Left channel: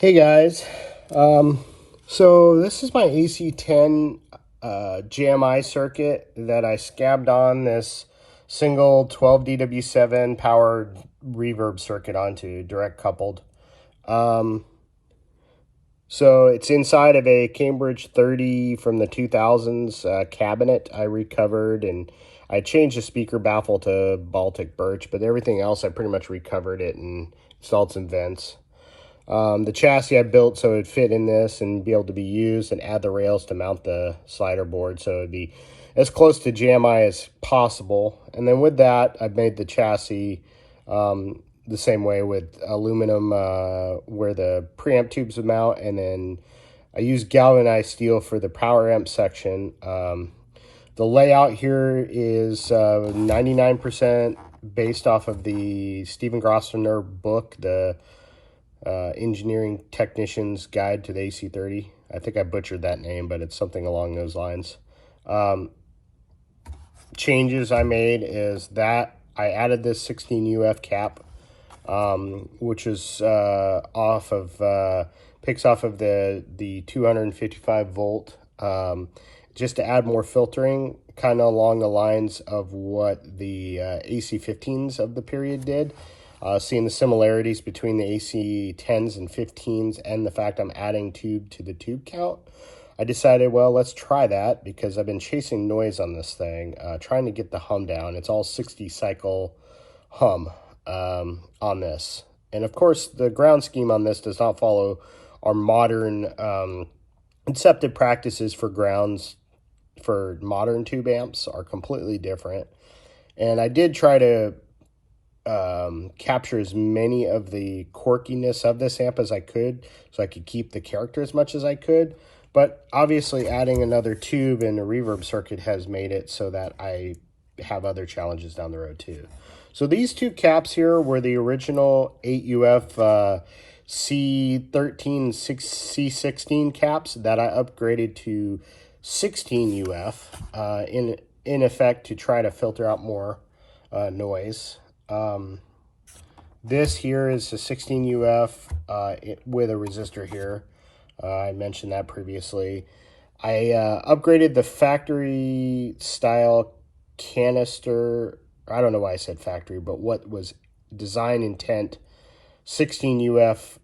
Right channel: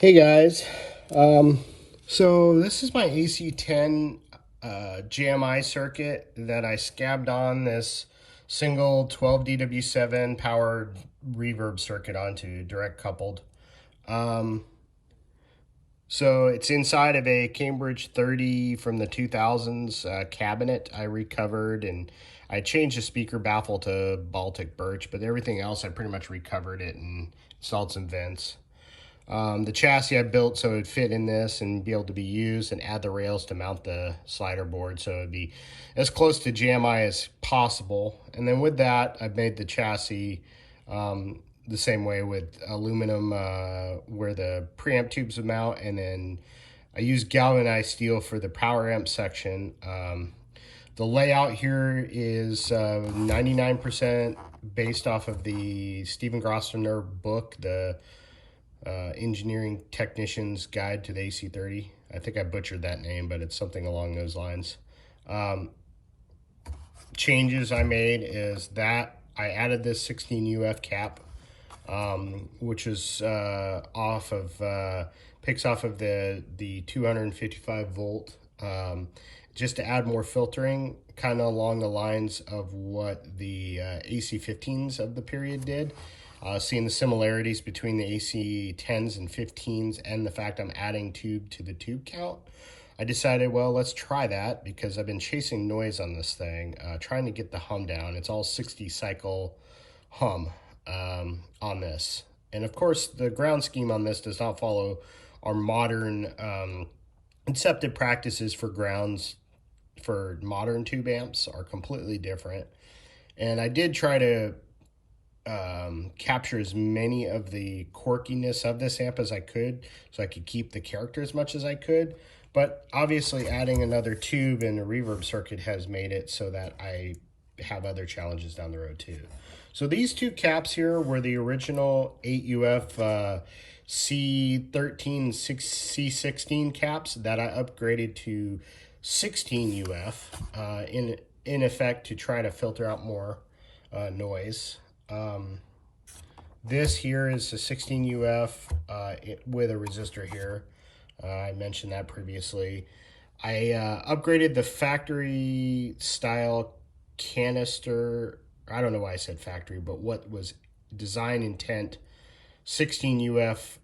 Hey guys, so this is my AC10 GMI circuit that I scabbed on this single 12DW7 powered reverb circuit onto, direct coupled. Um, so it's inside of a Cambridge 30 from the 2000s cabinet I recovered, and I changed the speaker baffle to Baltic birch, but everything else I pretty much recovered it and installed some vents. The chassis I built so it would fit in this and be able to be used, and add the rails to mount the slider board so it would be as close to JMI as possible. And then with that, I've made the chassis the same way with aluminum where the preamp tubes would mount, and then I use galvanized steel for the power amp section. The layout here is 99% based off of the Stephen Grossner book, the Engineering Technician's Guide to the AC30. I think I butchered that name, but it's something along those lines. Changes I made is that I added this 16 UF cap, which is picks off of the 255 volt, just to add more filtering, kind of along the lines of what the AC15s of the period did. Seeing the similarities between the AC10s and 15s and the fact I'm adding tube to the tube count, I decided, well, let's try that because I've been chasing noise on this thing, trying to get the hum down. It's all 60 cycle hum on this. And of course, the ground scheme on this does not follow our modern accepted practices for grounds for modern tube amps are completely different. And I did try to capture as many of the quirkiness of this amp as I could so I could keep the character as much as I could. But obviously adding another tube and a reverb circuit has made it so that I have other challenges down the road too. So these two caps here were the original 8UF C13, C16 caps that I upgraded to 16 UF in effect to try to filter out more noise. This here is a 16 UF with a resistor here. I mentioned that previously. I upgraded the factory style canister. I don't know why I said factory, but what was design intent 16 UF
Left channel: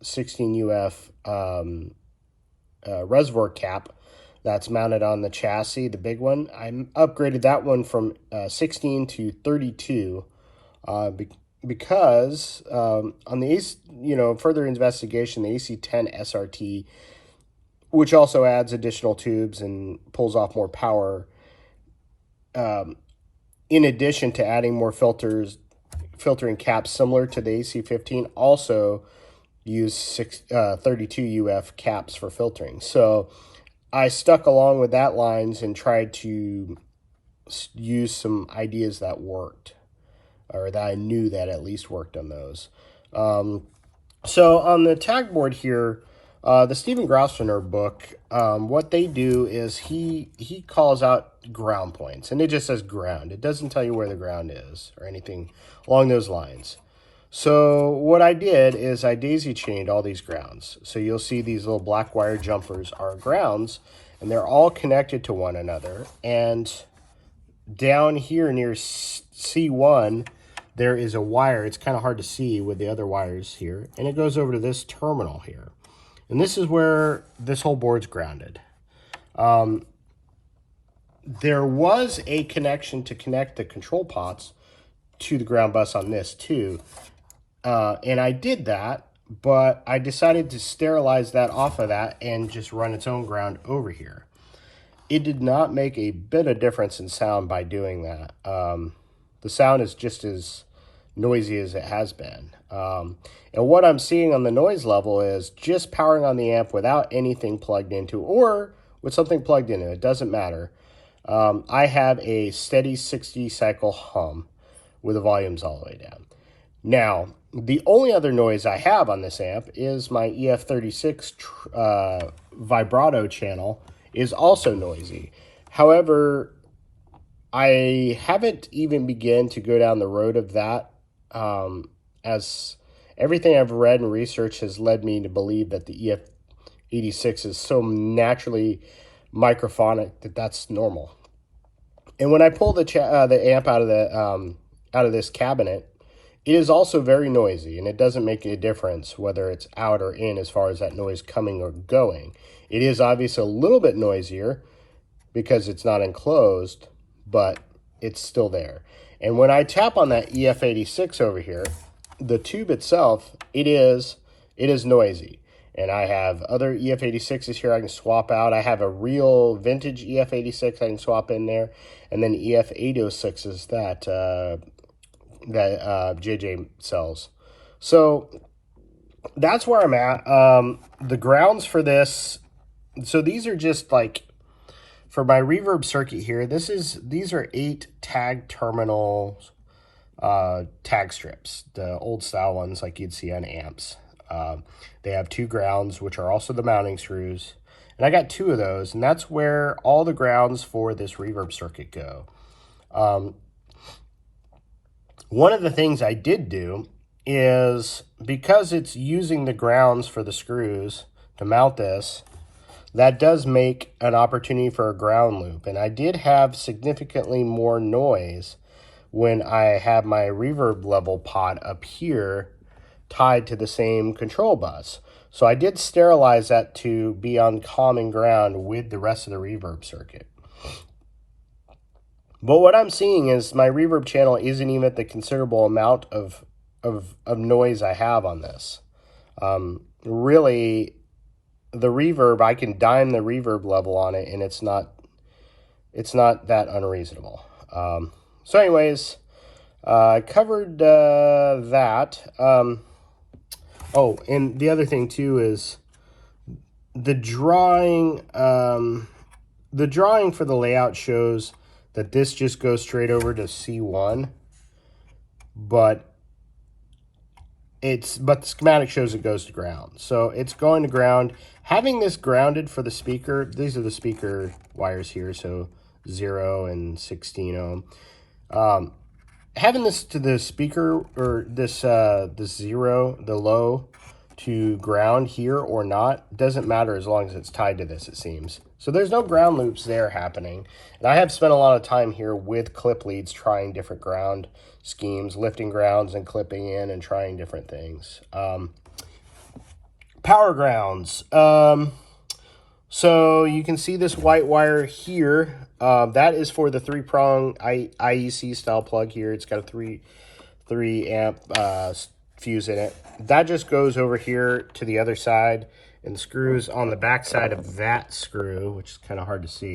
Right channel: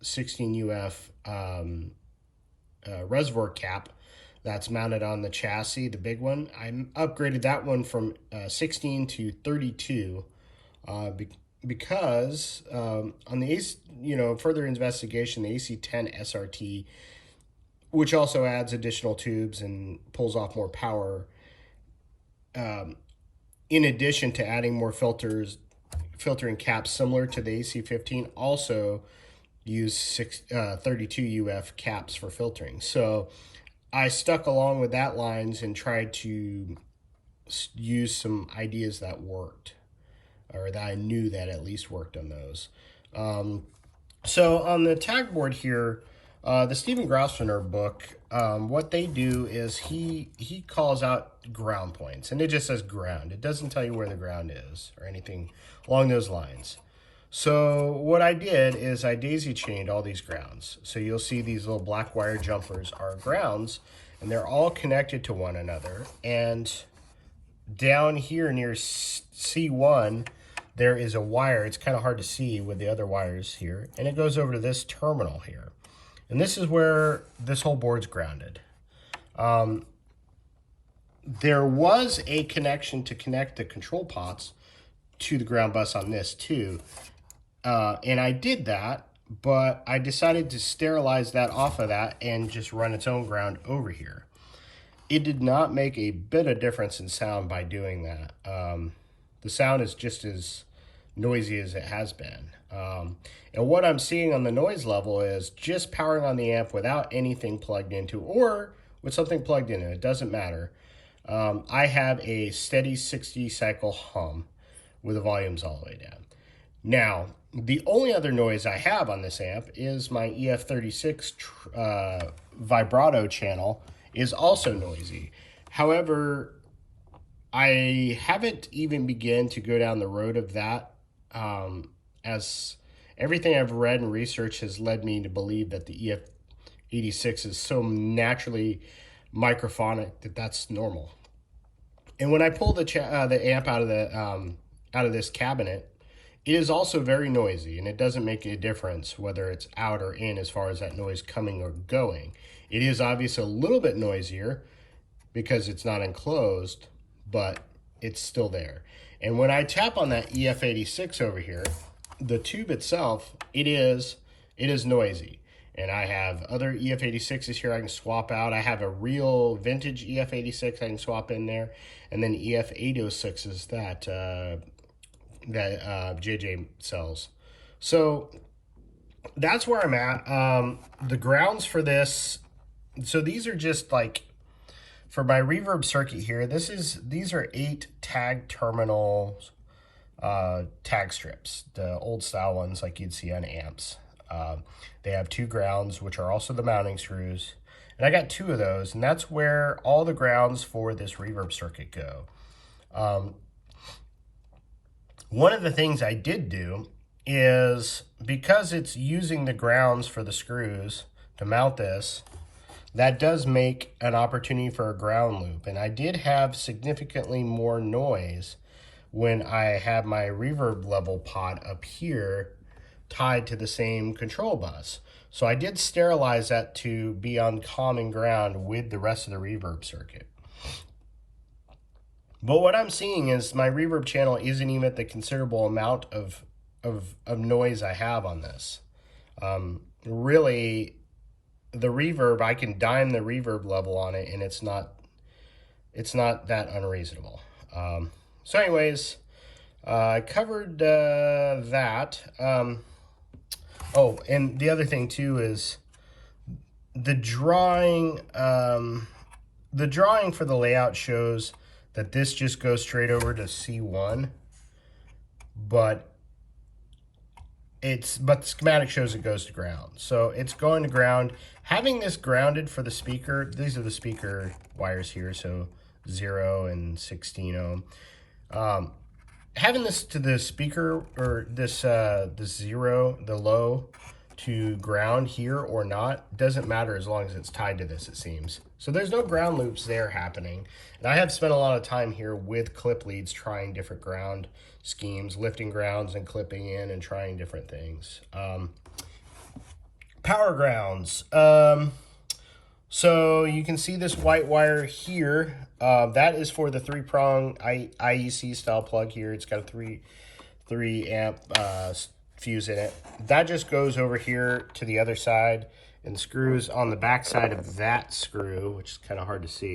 reservoir cap that's mounted on the chassis, the big one. I upgraded that one from 16 to 32 because on the further investigation, the AC10 SRT, which also adds additional tubes and pulls off more power, in addition to adding more filtering caps similar to the AC15, also use 32 UF caps for filtering. So I stuck along with that lines and tried to use some ideas that worked, or that I knew that at least worked on those. So on the tag board here, the Stephen Grossner book, what they do is he calls out ground points, and it just says ground. It doesn't tell you where the ground is or anything along those lines. So what I did is I daisy chained all these grounds. So you'll see these little black wire jumpers are grounds, and they're all connected to one another. And down here near C1, there is a wire. It's kind of hard to see with the other wires here. And it goes over to this terminal here. And this is where this whole board's grounded. There was a connection to connect the control pots to the ground bus on this too. And I did that, but I decided to sterilize that off of that and just run its own ground over here. It did not make a bit of difference in sound by doing that. The sound is just as noisy as it has been. And what I'm seeing on the noise level is just powering on the amp without anything plugged into, or with something plugged into, it doesn't matter. I have a steady 60 cycle hum with the volumes all the way down. Now, the only other noise I have on this amp is my EF36 vibrato channel is also noisy. However, I haven't even begun to go down the road of that as everything I've read and researched has led me to believe that the EF86 is so naturally microphonic that that's normal. And when I pull the amp out of this cabinet, it is also very noisy, and it doesn't make a difference whether it's out or in as far as that noise coming or going. It is obviously a little bit noisier because it's not enclosed, but it's still there. And when I tap on that EF86 over here, the tube itself, it is noisy. And I have other EF86s here I can swap out. I have a real vintage EF86 I can swap in there, and then EF806s that JJ sells. So that's where I'm at. The grounds for this, so these are just like, for my reverb circuit here, these are 8 tag terminals, tag strips, the old style ones like you'd see on amps. They have 2 grounds, which are also the mounting screws. And I got 2 of those, and that's where all the grounds for this reverb circuit go. One of the things I did do is, because it's using the grounds for the screws to mount this, that does make an opportunity for a ground loop. And I did have significantly more noise when I have my reverb level pot up here tied to the same control bus. So I did sterilize that to be on common ground with the rest of the reverb circuit. But what I'm seeing is my reverb channel isn't even at the considerable amount of noise I have on this. Really, the reverb, I can dime the reverb level on it, and it's not that unreasonable. So anyways, I covered that. Oh, and the other thing too is the drawing. The drawing for the layout shows that this just goes straight over to C1, but the schematic shows it goes to ground. So it's going to ground. Having this grounded for the speaker, these are the speaker wires here, so 0 and 16 ohm. Having this to the speaker, or this 0, the low, to ground here or not, doesn't matter as long as it's tied to this, it seems. So there's no ground loops there happening. And I have spent a lot of time here with clip leads trying different ground schemes, lifting grounds and clipping in and trying different things. Power grounds. So you can see this white wire here. That is for the 3-prong IEC style plug here. It's got a 3 amp fuse in it. That just goes over here to the other side, and the screws on the back side of that screw, which is kind of hard to see.